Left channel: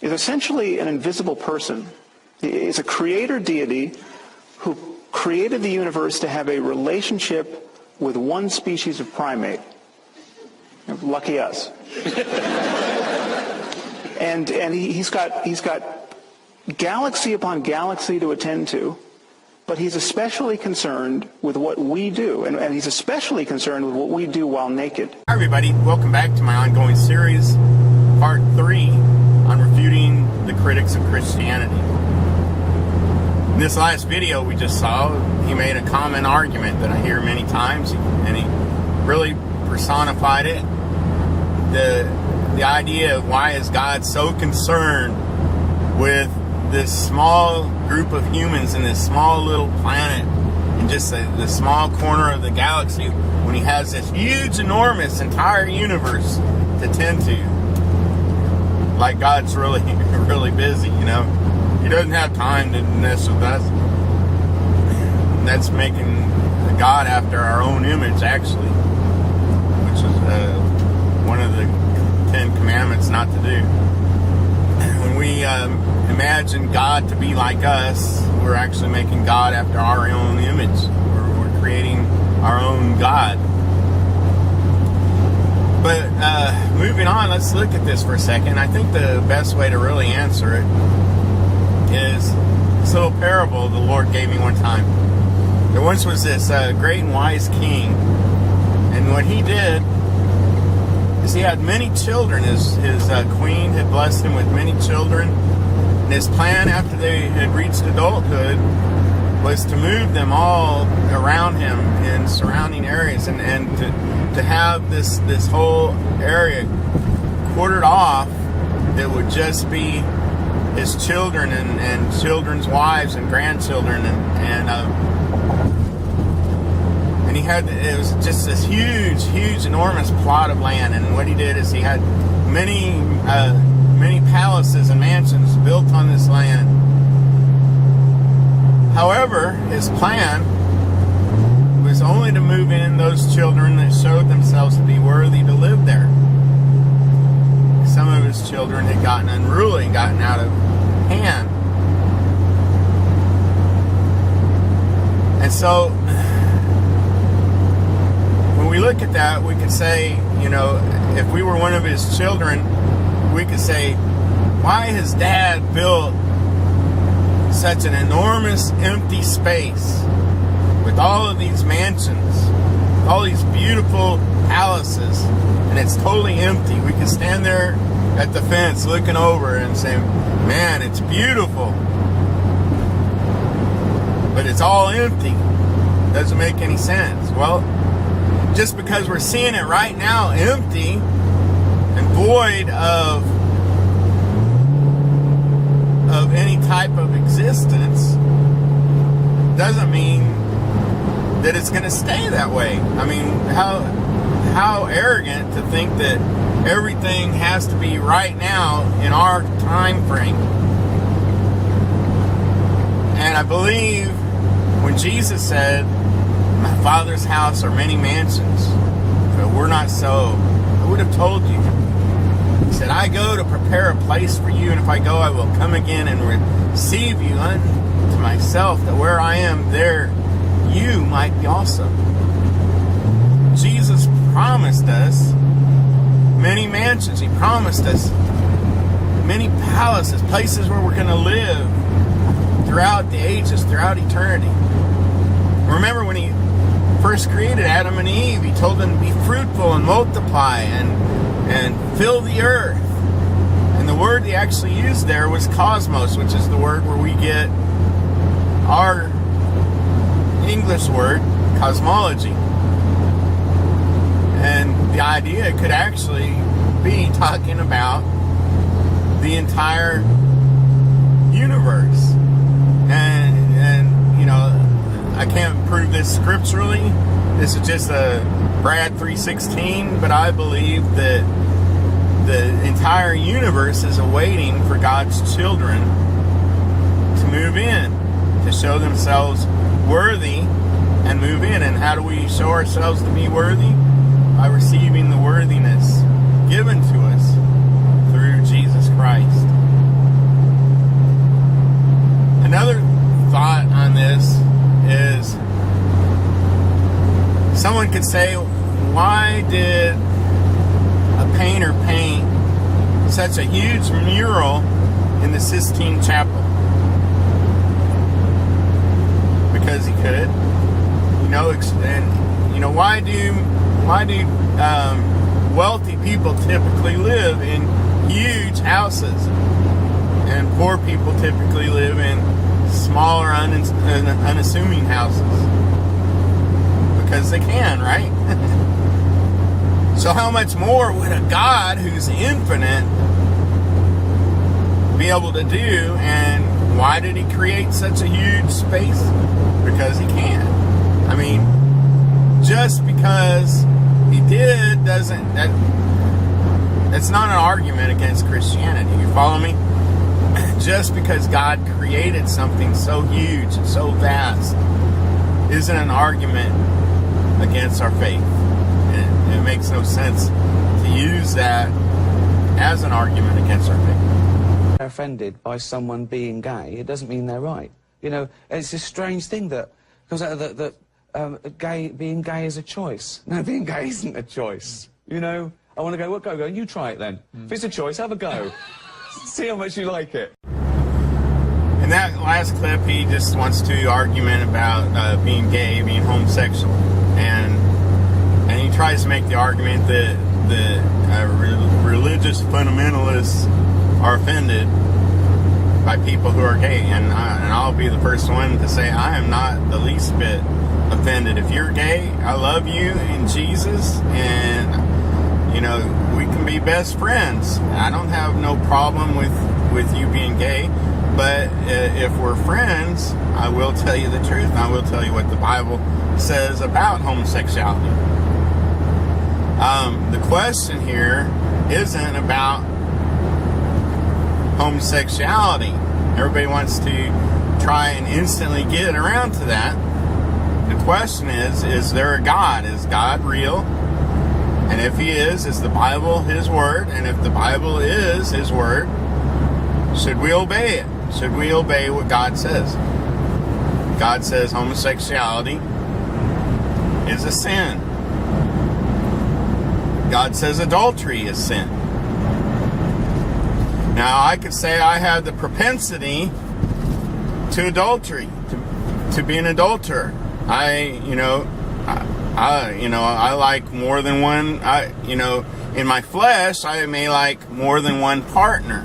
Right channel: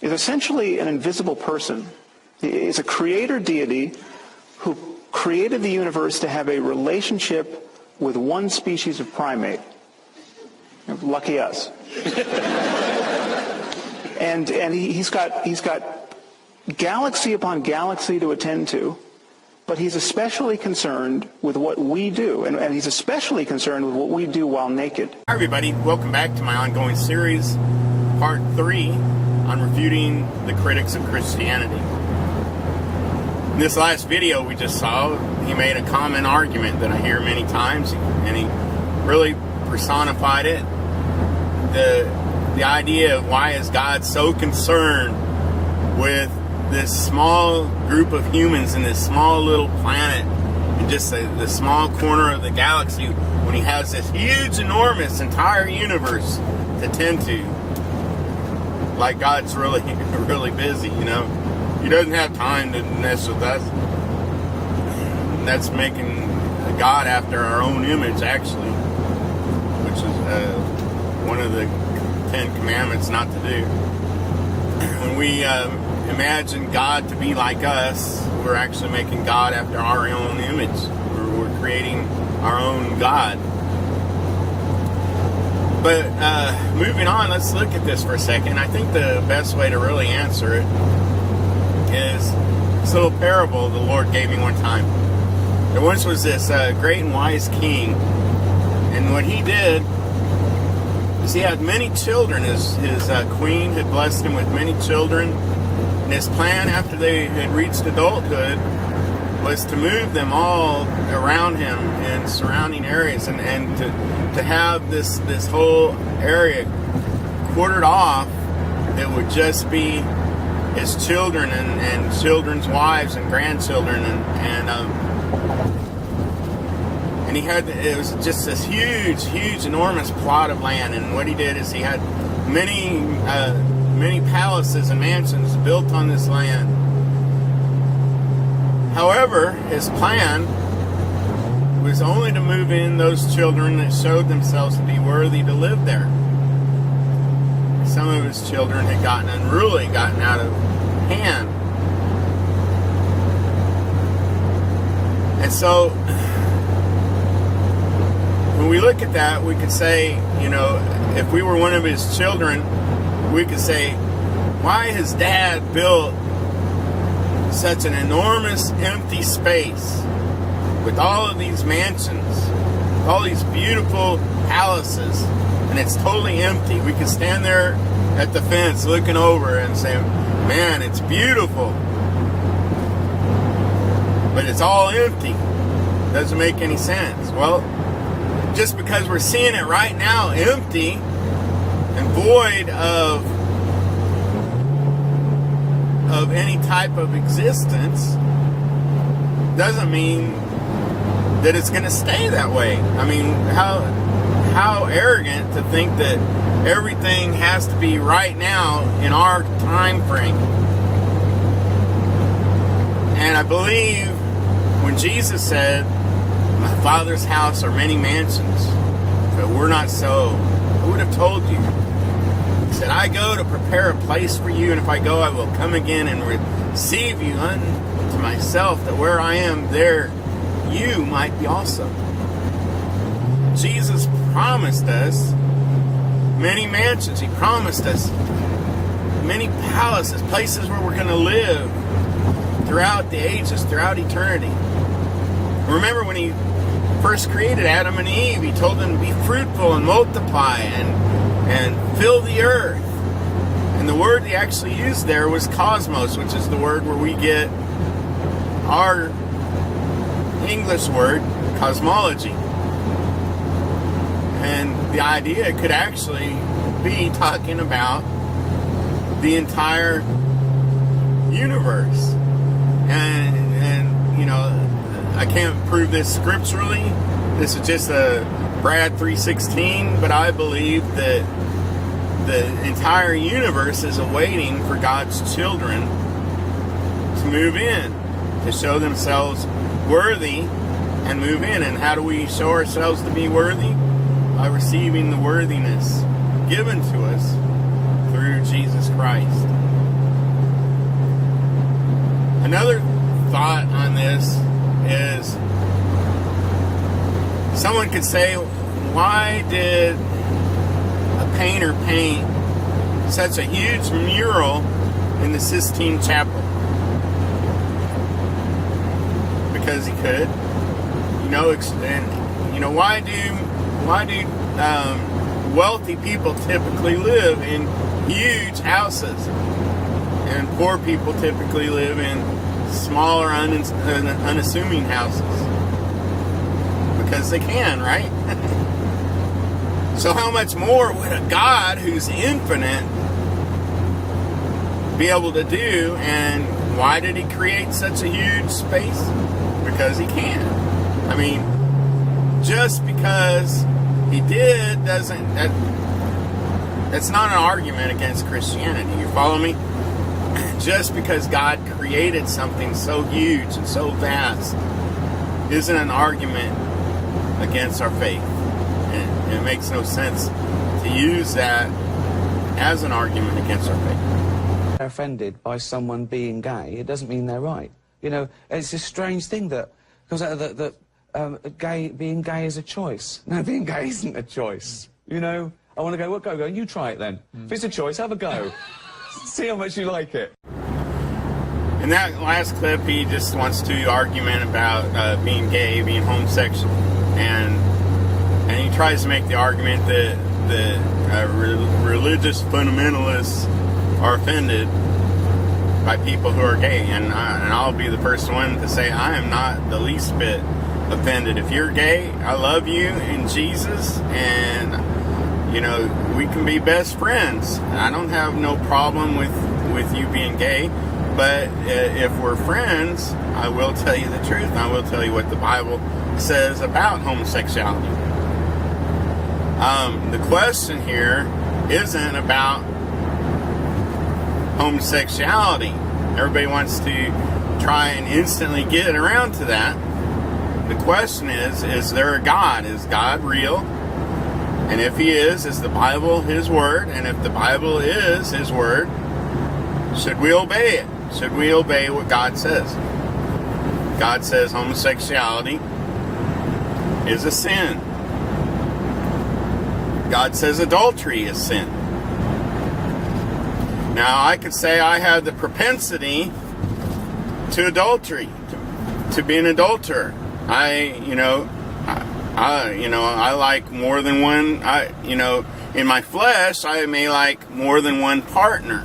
is essentially an invisible person. He is a creator deity who created the universe to have a relationship with one species of primate. Lucky us. and he's got galaxy upon galaxy to attend to, but he's especially concerned with what we do, and he's especially concerned with what we do while naked. Hi everybody, welcome back to my ongoing series, part 3, on refuting the critics of Christianity. In this last video we just saw, he made a common argument that I hear many times, and he really personified it. The idea of why is God so concerned with this small group of humans in this small little planet and just the small corner of the galaxy when he has this huge, enormous, entire universe to tend to. Like God's really, really busy, you know. He doesn't have time to mess with us. That's making a God after our own image, actually, which is one of the 10 commandments not to do. When we imagine God to be like us, we're actually making God after our own image. We're creating our own God. But moving on, let's look at this for a second. I think the best way to really answer it is this little parable the Lord gave me one time. There once was this great and wise king, and what he did is he had many children. His queen had blessed him with many children. And his plan after they had reached adulthood was to move them all around him in surrounding areas and to have this whole area quartered off that would just be his children and children's wives and grandchildren and he had, it was just this huge, enormous plot of land. And what he did is he had many palaces and mansions built on this land. However, his plan was only to move in those children that showed themselves to be worthy to live there. Some of his children had gotten unruly, gotten out of hand. And so when we look at that, we could say, you know, if we were one of his children, we could say, why has Dad built such an enormous empty space with all of these mansions, all these beautiful palaces, and it's totally empty? We could stand there at the fence looking over and say, man, it's beautiful, but it's all empty. Doesn't make any sense. Well, just because we're seeing it right now empty and void of any type of existence doesn't mean that it's going to stay that way. I mean, how arrogant to think that everything has to be right now in our time frame. And I believe when Jesus said, my Father's house are many mansions, but we're not so, I would have told you. He said, I go to prepare a place for you, and if I go, I will come again and receive you unto myself, that where I am, there you might be also. Jesus promised us many mansions. He promised us many palaces, places where we're going to live throughout the ages, throughout eternity. Remember when he first created Adam and Eve, he told them to be fruitful and multiply and fill the earth. And the word he actually used there was cosmos, which is the word where we get our English word, cosmology. And the idea could actually be talking about the entire universe. And you know, I can't prove this scripturally. This is just a Brad 3:16, but I believe that the entire universe is awaiting for God's children to move in, to show themselves worthy and move in. And how do we show ourselves to be worthy? By receiving the worthiness given to us through Jesus Christ. Another thought on this is, someone could say, why did a painter paint such a huge mural in the Sistine Chapel? Because he could. Why do wealthy people typically live in huge houses, and poor people typically live in smaller, unassuming houses? Because they can, right? So how much more would a God who's infinite be able to do? And why did he create such a huge space? Because he can. I mean, just because he did that's not an argument against Christianity. You follow me? Just because God created something so huge and so vast isn't an argument against our faith. And it makes no sense to use that as an argument against our faith. They're offended by someone being gay, it doesn't mean they're right. It's a strange thing that comes out of that being gay is a choice. No, being gay isn't a choice. I want to go, well, go, you try it then. If it's a choice, have a go. See how much you like it. In that last clip, he just wants to argument about being gay, being homosexual. And he tries to make the argument that religious fundamentalists are offended by people who are gay. And I'll be the first one to say I am not the least bit offended. If you're gay, I love you in Jesus, and we can be best friends. I don't have no problem with you being gay, but if we're friends, I will tell you the truth. I will tell you what the Bible says about homosexuality. The question here isn't about homosexuality. Everybody wants to try and instantly get around to that. The question is there a God? Is God real? And if he is the Bible his word? And if the Bible is his word, should we obey it? Should we obey what God says? God says homosexuality is a sin. God says adultery is sin. Now, I could say I have the propensity to adultery, to be an adulterer. I like more than one. In my flesh, I may like more than one partner.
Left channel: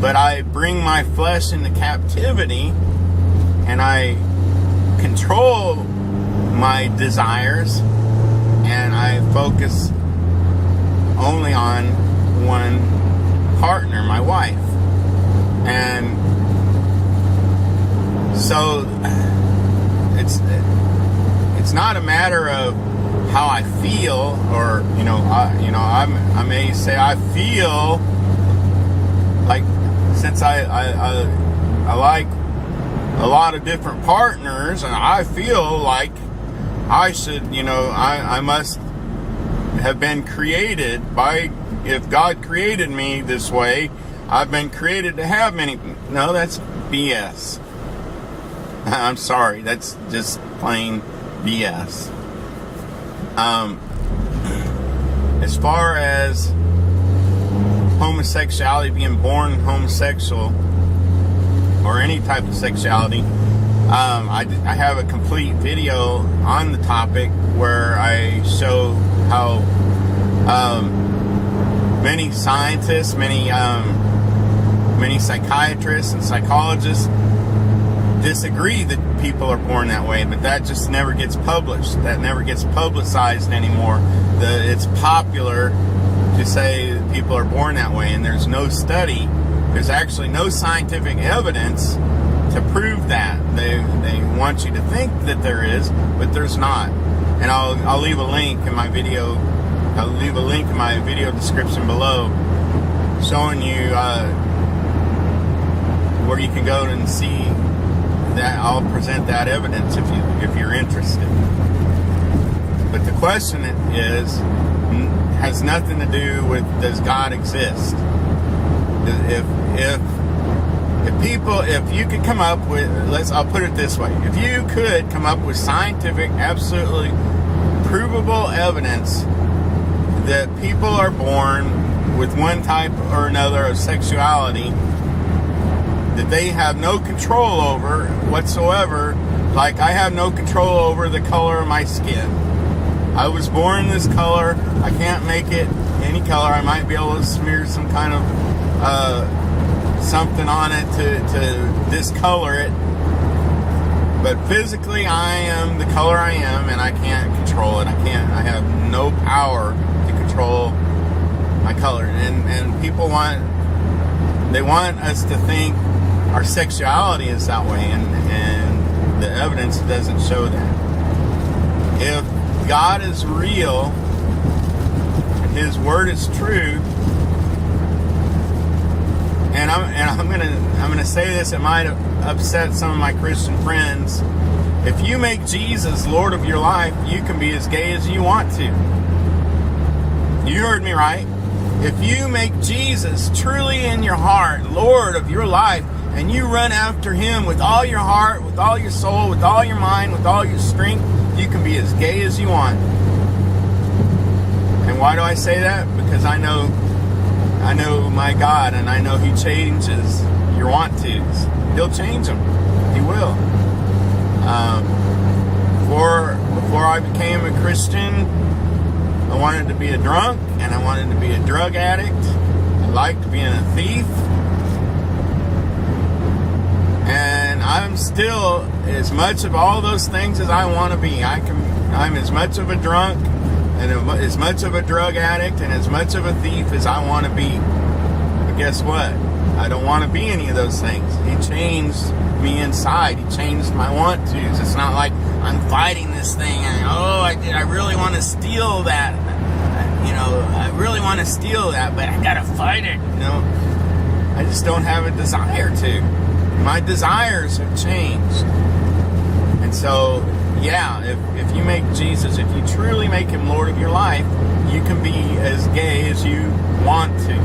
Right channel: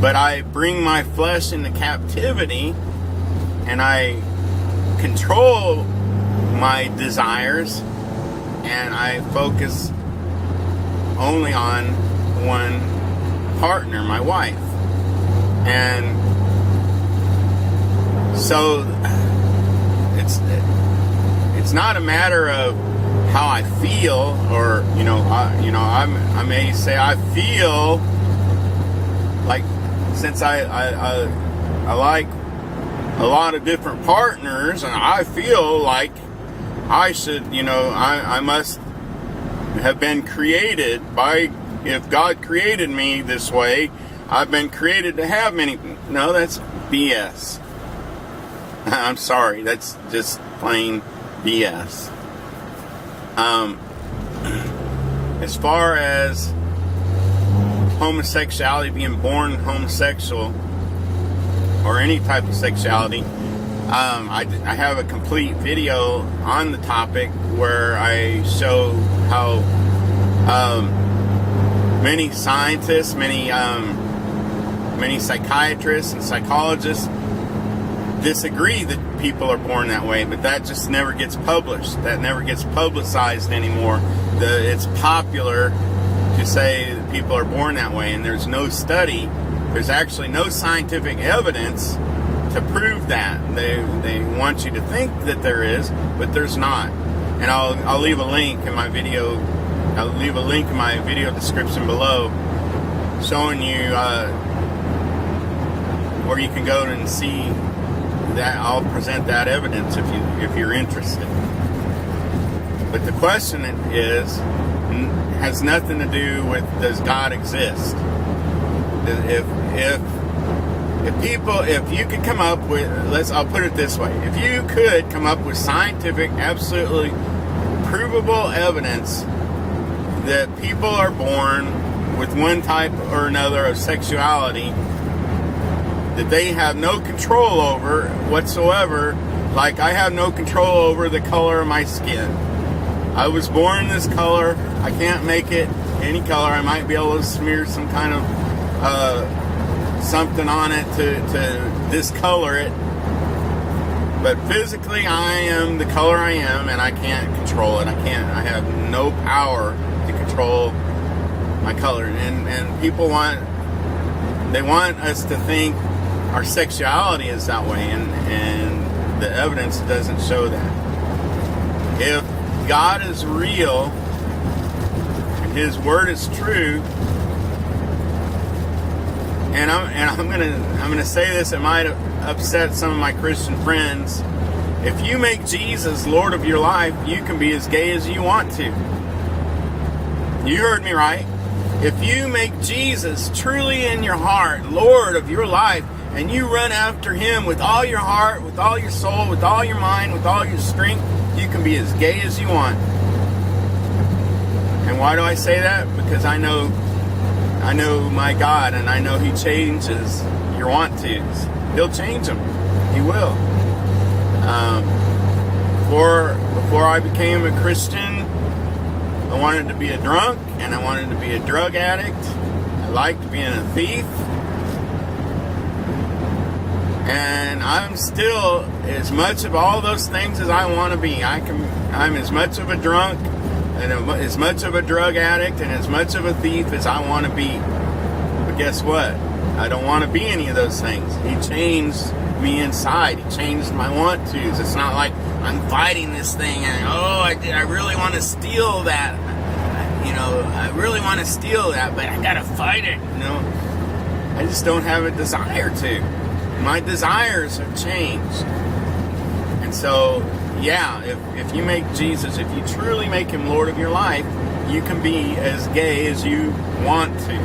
But I bring my flesh into captivity, and I control my desires, and I focus only on one partner, my wife. And so it's not a matter of how I feel, or I may say I feel like, since I like a lot of different partners, and I feel like I should, I must have been created by, if God created me this way, I've been created to have many. No, that's BS. I'm sorry, that's just plain BS. As far as homosexuality, being born homosexual, or any type of sexuality, I have a complete video on the topic where I show how many scientists, many psychiatrists and psychologists disagree that people are born that way, but that just never gets published. That never gets publicized anymore. It's popular to say that people are born that way, and there's no study. There's actually no scientific evidence to prove that. They want you to think that there is, but there's not. And I'll leave a link in my video. I'll leave a link in my video description below, showing you where you can go and see that. I'll present that evidence if you're interested. But the question has nothing to do with, does God exist? If if you could come up with, I'll put it this way. If you could come up with scientific, absolutely provable evidence that people are born with one type or another of sexuality that they have no control over whatsoever, like I have no control over the color of my skin. I was born this color. I can't make it any color. I might be able to smear some kind of something on it to discolor it. But physically, I am the color I am, and I can't control it. I have no power to control my color. And people want us to think our sexuality is that way, and the evidence doesn't show that. If God is real, His word is true, and I'm gonna say this. It might upset some of my Christian friends. If you make Jesus Lord of your life, you can be as gay as you want to. You heard me right. If you make Jesus truly in your heart Lord of your life, and you run after Him with all your heart, with all your soul, with all your mind, with all your strength, you can be as gay as you want. And why do I say that? Because I know my God, and I know He changes your want-tos. He'll change them. He will. Before I became a Christian, I wanted to be a drunk, and I wanted to be a drug addict. I liked being a thief. And I'm still as much of all those things as I want to be. I'm as much of a drunk and as much of a drug addict and as much of a thief as I want to be. But guess what? I don't want to be any of those things. He changed me inside. He changed my want-tos. It's not like I'm fighting this thing and, I really want to steal that. I really want to steal that, but I got to fight it. I just don't have a desire to. My desires have changed. And so, if you make Jesus, if you truly make Him Lord of your life, you can be as gay as you want to.